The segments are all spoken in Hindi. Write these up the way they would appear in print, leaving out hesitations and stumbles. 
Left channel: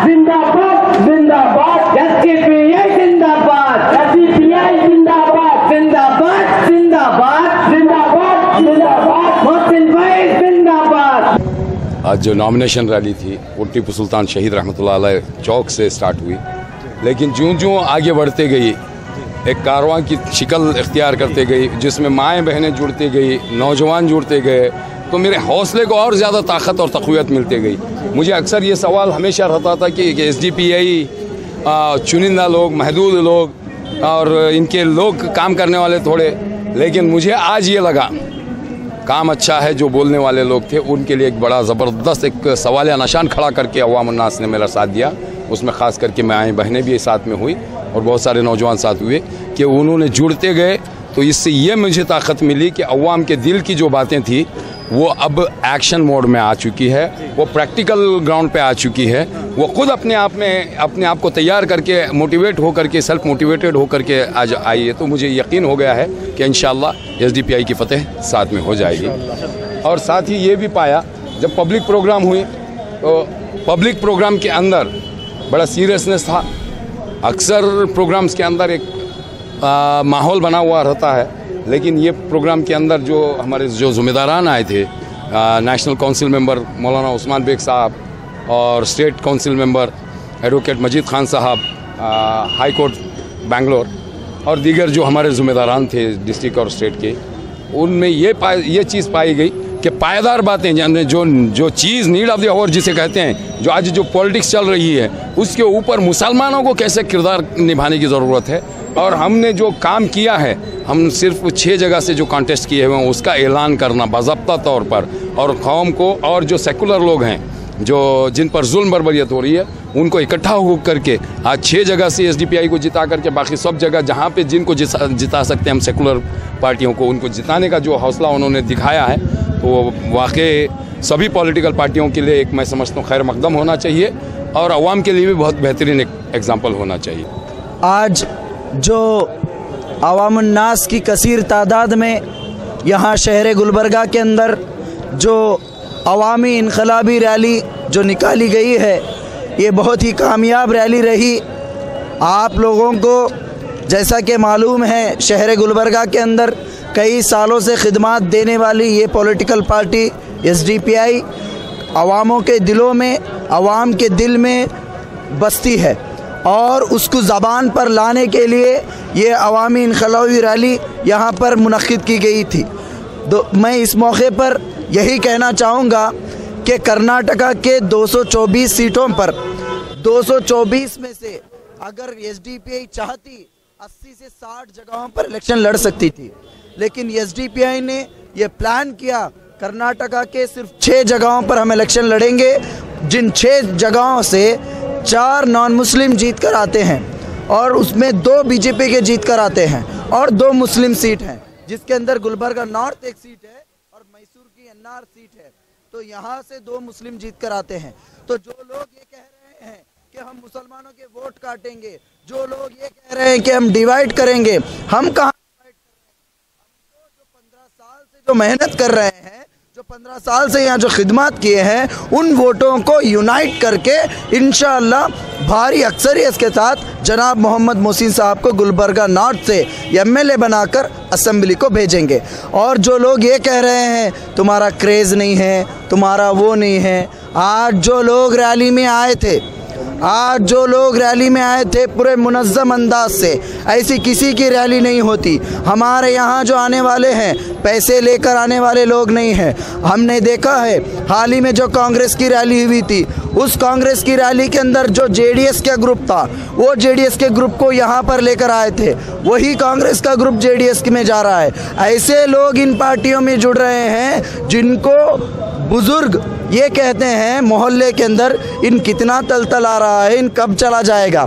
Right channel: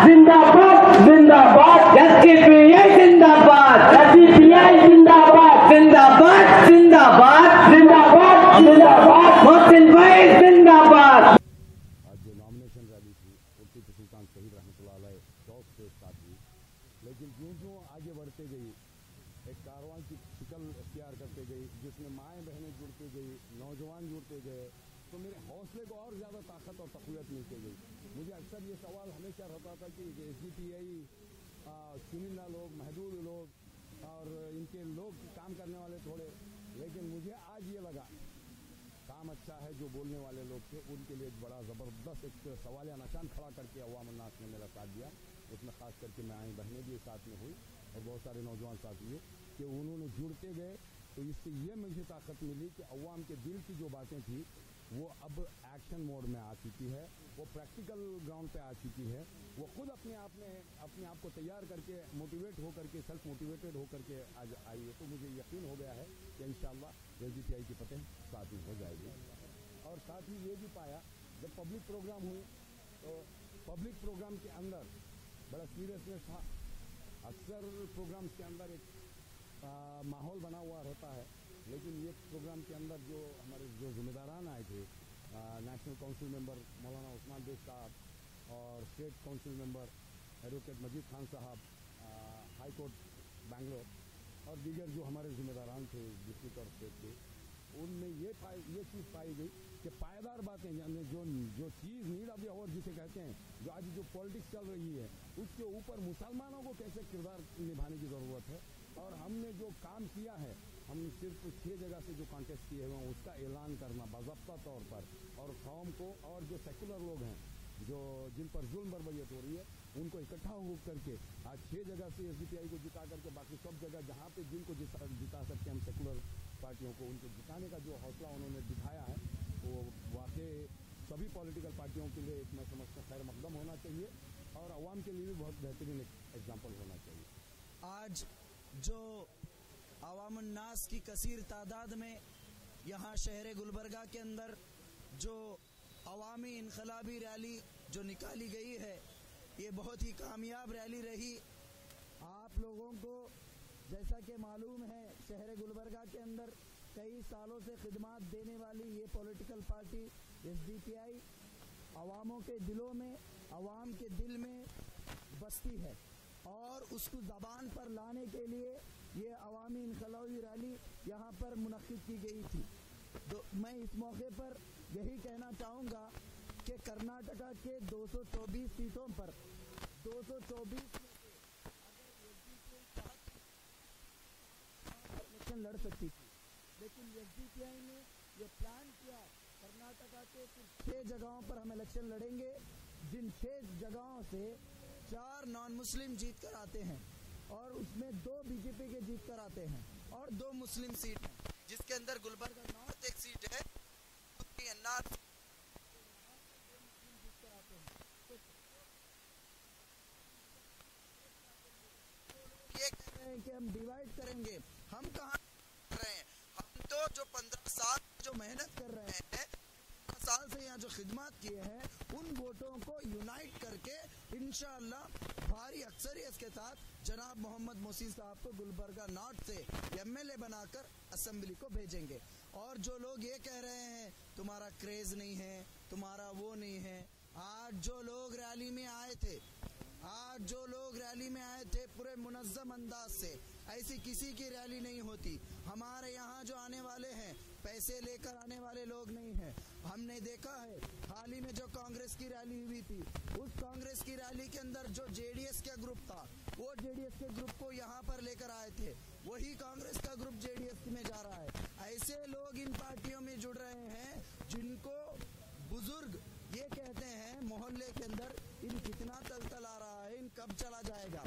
जिंदाबाद जिंदाबाद एसडीपीआई जिंदाबाद एसडीपीआई जिंदाबाद जिंदाबाद जिंदाबाद जिंदाबाद जिंदाबाद मोहसिन भाई जिंदाबाद। आज जो नॉमिनेशन रैली थी वो टीपू सुल्तान शहीद रहमतुल्लाह अलैह चौक से स्टार्ट हुई, लेकिन ज्यों-ज्यों आगे बढ़ते गई एक कारवां की शिकल इख्तियार करते गई, जिसमें माएँ बहनें जुड़ती गई, नौजवान जुड़ते गए, तो मेरे हौसले को और ज़्यादा ताकत और तक़वियत मिलती गई। मुझे अक्सर ये सवाल हमेशा रहता था कि एसडीपीआई चुनिंदा लोग, महदूद लोग और इनके लोग काम करने वाले थोड़े, लेकिन मुझे आज ये लगा काम अच्छा है। जो बोलने वाले लोग थे उनके लिए एक बड़ा ज़बरदस्त एक सवालिया निशान खड़ा करके अवाम उन्नास ने मेरा साथ दिया। उसमें ख़ास करके माएँ बहनें भी साथ में हुई और बहुत सारे नौजवान साथ हुए कि उन्होंने जुड़ते गए। तो इससे ये मुझे ताकत मिली कि अवाम के दिल की जो बातें थी वो अब एक्शन मोड में आ चुकी है, वो प्रैक्टिकल ग्राउंड पे आ चुकी है। वो खुद अपने आप को तैयार करके मोटिवेट हो करके सेल्फ मोटिवेटेड हो करके आज आई है। तो मुझे यकीन हो गया है कि इंशाअल्लाह एसडीपीआई की फतेह साथ में हो जाएगी। और साथ ही ये भी पाया जब पब्लिक प्रोग्राम हुई तो पब्लिक प्रोग्राम के अंदर बड़ा सीरियसनेस था। अक्सर प्रोग्राम्स के अंदर एक माहौल बना हुआ रहता है, लेकिन ये प्रोग्राम के अंदर जो हमारे जो ज़िम्मेदारान आए थे, नेशनल काउंसिल मेंबर मौलाना उस्मान बेग साहब और स्टेट काउंसिल मेंबर एडवोकेट मजीद खान साहब, हाई कोर्ट बेंगलोर और दीगर जो हमारे ज़िम्मेदारान थे डिस्ट्रिक्ट और स्टेट के, उनमें ये चीज़ पाई गई कि पायदार बातें यानी जो चीज़ नीड ऑफ द आवर जिसे कहते हैं, जो आज जो पॉलिटिक्स चल रही है उसके ऊपर मुसलमानों को कैसे किरदार निभाने की ज़रूरत है। और हमने जो काम किया है, हम सिर्फ 6 जगह से जो कॉन्टेस्ट किए हुए हैं उसका ऐलान करना बाज़ाब्ता तौर पर, और कौम को और जो सेकुलर लोग हैं जो जिन पर जुल्म बर्बरियत हो रही है उनको इकट्ठा हो करके आज 6 जगह से एसडीपीआई को जिता करके बाकी सब जगह जहाँ पे जिनको जिता सकते हैं हम सेकुलर पार्टियों को, उनको जिताने का जो हौसला उन्होंने दिखाया है, तो वाकई सभी पॉलिटिकल पार्टियों के लिए एक मैं समझता हूँ खैर मकदम होना चाहिए और अवाम के लिए भी बहुत बेहतरीन एक एग्ज़ाम्पल होना चाहिए। आज जो अवामुन्नास की कसीर तादाद में यहाँ शहर गुलबर्गा के अंदर जो अवामी इनकलाबी रैली जो निकाली गई है, ये बहुत ही कामयाब रैली रही। आप लोगों को जैसा कि मालूम है, शहर गुलबर्गा के अंदर कई सालों से खिदमत देने वाली ये पॉलिटिकल पार्टी एसडीपीआई अवामों के दिलों में, अवाम के दिल में बसती है और उसको ज़बान पर लाने के लिए ये अवामी इनकलाबी रैली यहाँ पर मुनक़्क़िद की गई थी। मैं इस मौके पर यही कहना चाहूँगा कि कर्नाटका के 224 सीटों पर 224 में से अगर एसडीपीआई चाहती 80 से 60 जगहों पर इलेक्शन लड़ सकती थी, लेकिन एसडीपीआई ने ये प्लान किया कर्नाटका के सिर्फ 6 जगहों पर हम इलेक्शन लड़ेंगे, जिन 6 जगहों से 4 नॉन मुस्लिम जीत कर आते हैं और उसमें 2 बीजेपी के जीत कर आते हैं और 2 मुस्लिम सीट हैं, जिसके अंदर गुलबर्गा नॉर्थ एक सीट है और मैसूर की एनआर सीट है। तो यहाँ से 2 मुस्लिम जीत कर आते हैं। तो जो लोग ये कह रहे हैं कि हम मुसलमानों के वोट काटेंगे, जो लोग ये कह रहे हैं कि हम डिवाइड करेंगे, हम कहाँ डिवाइड कर रहे हैं? हम तो जो 15 साल से जो मेहनत कर रहे हैं, जो 15 साल से यहाँ जो खिदमत किए हैं, उन वोटों को यूनाइट करके इंशाअल्लाह भारी अक्सरियत के साथ जनाब मोहम्मद मोहसिन साहब को गुलबर्गा नॉर्थ से एमएलए बनाकर असेंबली को भेजेंगे। और जो लोग ये कह रहे हैं तुम्हारा क्रेज़ नहीं है, तुम्हारा वो नहीं है, आज जो लोग रैली में आए थे, पूरे मुनज़्ज़म अंदाज से, ऐसी किसी की रैली नहीं होती। हमारे यहाँ जो आने वाले हैं पैसे लेकर आने वाले लोग नहीं हैं। हमने देखा है हाल ही में जो कांग्रेस की रैली हुई थी, उस कांग्रेस की रैली के अंदर जो जेडीएस का ग्रुप था, वो जेडीएस के ग्रुप को यहाँ पर लेकर आए थे, वही कांग्रेस का ग्रुप जेडीएस में जा रहा है। ऐसे लोग इन पार्टियों में जुड़ रहे हैं जिनको बुजुर्ग ये कहते हैं मोहल्ले के अंदर इन कितना तलतल आ रहा है, इन कब चला जाएगा।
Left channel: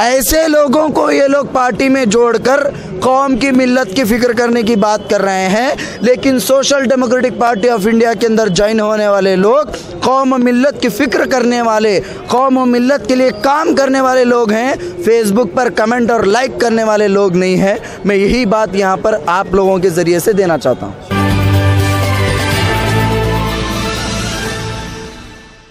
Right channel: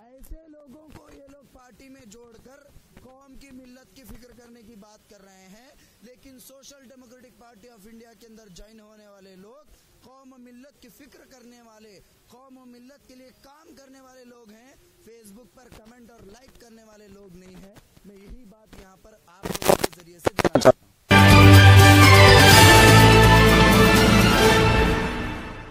ऐसे लोगों को ये लोग पार्टी में जोड़कर कौम की मिल्लत की फ़िक्र करने की बात कर रहे हैं, लेकिन social democratic party of India के अंदर ज्वाइन होने वाले लोग कौम मिल्लत की फ़िक्र करने वाले, कौम मिल्लत के लिए काम करने वाले लोग हैं, फेसबुक पर कमेंट और लाइक करने वाले लोग नहीं हैं। मैं यही बात यहाँ पर आप लोगों के ज़रिए से देना चाहता हूँ।